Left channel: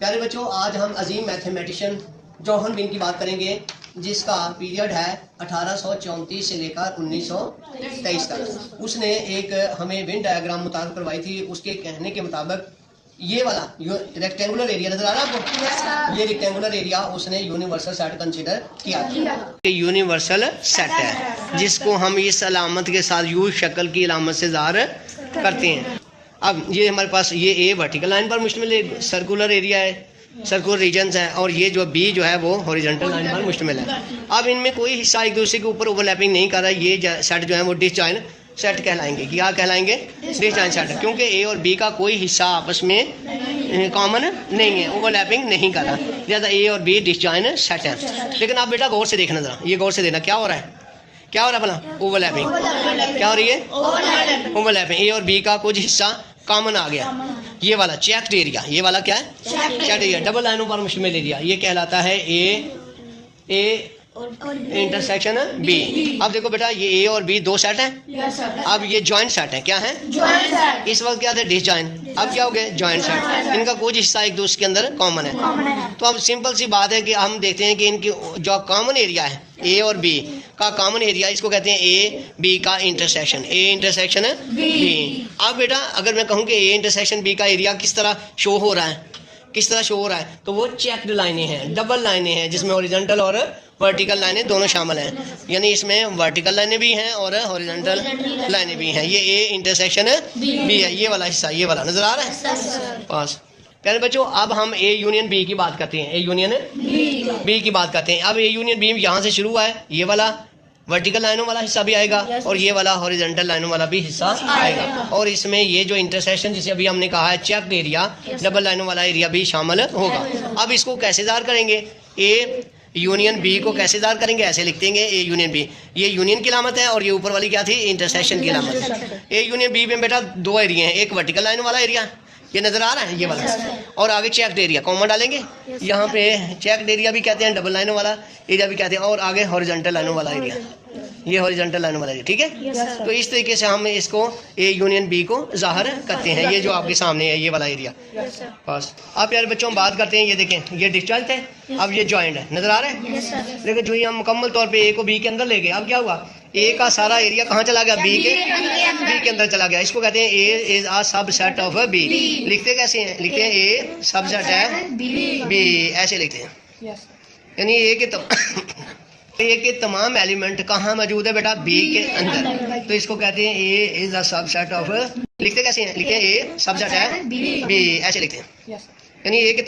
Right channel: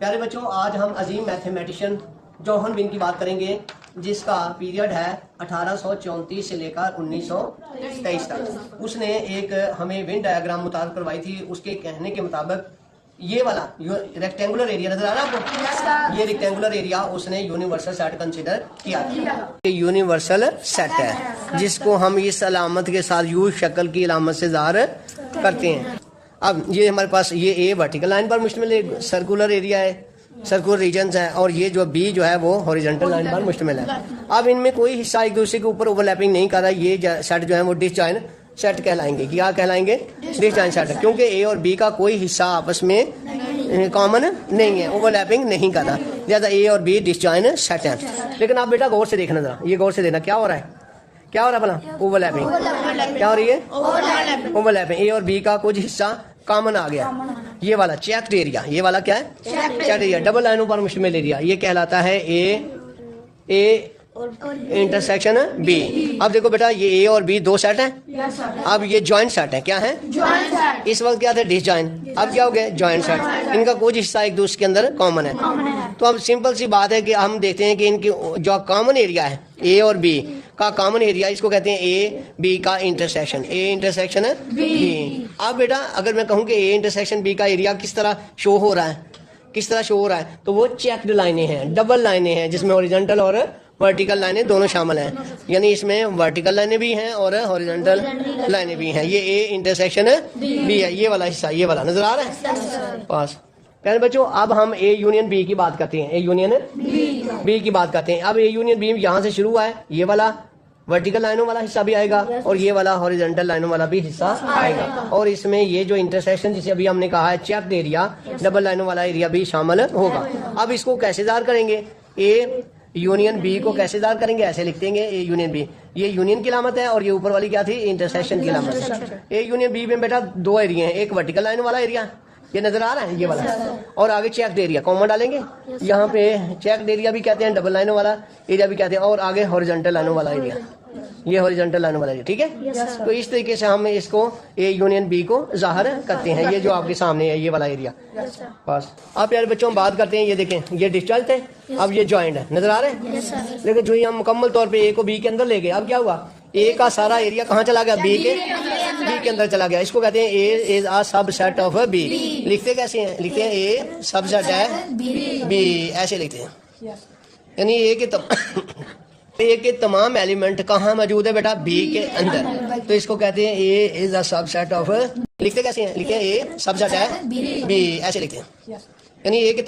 प्यारे बच्चों, आज हम अजीम मैथमेटिशियन जोहन बिन की बात करेंगे, जिसका पीरियड है 1834 से लेकर 1923 तक। उसने एक हमें विन डायग्राम मुताबिक करवाई थी। उसके कहने के मुताबिक ये वाला रेक्टेंगुलर एरिया नजर आ रहा है आपको, ये रेक्टेंगुलर एरिया उसने यूनिवर्सल सेट कंसीडर किया। यूनिवर्सल सेट है जिसको हम इस अलामत के साथ यू शक्ल की अलामत से ज़ाहिर करते हैं। अब ये हमारे पास ये ए वर्टिकल लाइन पर मुश्तमिल एक सर्कुलर एरिया है, सर्कुलर रीजन्स हैं, और ये जो बी जो है वो हॉरिजॉन्टल लाइन पर मुश्तमिल है। अब इनमें कोई हिस्सा एक दूसरे के ऊपर ओवरलैपिंग नहीं कर रहा। ये सेट जो है वो डिसजॉइंट सेट कहलाएंगे। क्या कहलाएंगे? डिसजॉइंट सेट, क्योंकि ए और बी का कोई हिस्सा आपस में कॉमन नहीं है, ओवरलैपिंग नहीं कर रहा, लिहाजा ए और बी डिसजॉइंट सेट है। लेकिन आप बेटा गौर से देखना, जरा ये गौर से देखना क्या हो रहा है, क्या हो रहा है भला? ओवरलैपिंग। क्या हो रही है? ओवरलैपिंग। ए और बी का कुछ हिस्सा कॉमन आ गया। ये वाला चेक्ड एरिया, ये वाला क्या है? चेक्ड एरिया, डबल लाइनों पर मुश्तमिल एरिया, ये कहलाता है ए इंटरसेक्शन बी। अब देखो बेटा, ये ए और बी दो सेट हैं। अब ये जॉइंट सेट है। क्या है? इस वक्त क्या थे? डिसजॉइंट। अब क्या हो गया? Joint set. इनका कुछ हिस्सा एक दूसरे के अंदर कॉमन है। तो अब सिंपल सी बात है कि हम देखते हैं कि इनकी जो कॉमन एरिया है ए और बी का कॉमन एरिया, इसको कहते हैं ए बी का इंटरसेक्शन। ए इंटरसेक्शन है बी। अब बेटा अगर मैं कहूँ कि ए इंटरसेक्शन बी का एरिया किस तरह शो हो रहा है, किस तरह शो हो रहा है, तो वो चेक्ड लाइनें हैं, डबल लाइनें हैं, जिसमें हॉरिजॉन्टल और वर्टिकल लाइनें दोनों शामिल हैं। यानी इसमें वर्टिकल लाइनें भी हैं और हॉरिजॉन्टल लाइनें भी हैं। ये ए इंटरसेक्शन बी है, ये वाला हिस्सा, ये वाला नजर आ रहा है पास। प्यारे बच्चों, अब हम ए यूनियन बी की बात करते हैं। ए यूनियन बी की बात करते हैं। अब ए यूनियन बी यहाँ से शुरू हुआ है, ये वाला वर्टिकल लाइनों वाला हिस्सा भी आएगा और ये वाला हॉरिजॉन्टल लाइनों वाला भी हिस्सा आएगा, और इसमें ये जो इंटरसेक्शन जिसे अभी हमने कहा है चेक्ड एरिया, डबल लाइनों वाला एरिया भी शामिल होगा। अब इसको कैसे ज़ाहिर करेंगे? ए यूनियन बी को कैसे ज़ाहिर करेंगे? ऐसे लिख देंगे ए यूनियन बी। ये यूनियन की अलामत है और ये ऊपर वाली क्या थी? इंटरसेक्शन की अलामत है। ए यूनियन बी में बेटा दो एरिया हैं, एक वर्टिकल लाइन वाला एरिया, ये नजर आ रहा है ये वाला, और आगे चेक्ड एरिया कॉमन डालेंगे। यहाँ पे चेक्ड एरिया भी कहते हैं, डबल लाइनों वाला एरिया भी कहते हैं, और आगे हॉरिजॉन्टल लाइनों वाला एरिया, ये हॉरिजॉन्टल लाइनों वाला एरिया। ठीक है, तो इस तरीके से हम इसको ए यूनियन बी को ज़ाहिर करते हैं। ये जो आपके सामने है ये वाला एरिया बस। आप यार बच्चों बात करते हैं, ये देखें ये डिस्टेंस है, अब ये जॉइंट है, नजर आ रहे हैं। लेकिन जो ही हम मुकम्मल तौर पे ए को बी के अंदर ले गए, अब क्या हुआ? ए का सारा एरिया कहाँ चला गया? बी के अंदर चला गया। इसको कहते हैं A is a subset of B. लिखते कैसे हैं? लिखते हैं ए सबसेट है बी, ऐसे लिखते हैं। यानी ए के तमाम एलिमेंट कहाँ मौजूद है बेटा? बी के अंदर। तो इसको कहते हैं A is a subset of, लिखते कैसे हैं? लिखते हैं ए सबसेट है बी, ऐसे लिखते हैं। यानी ए के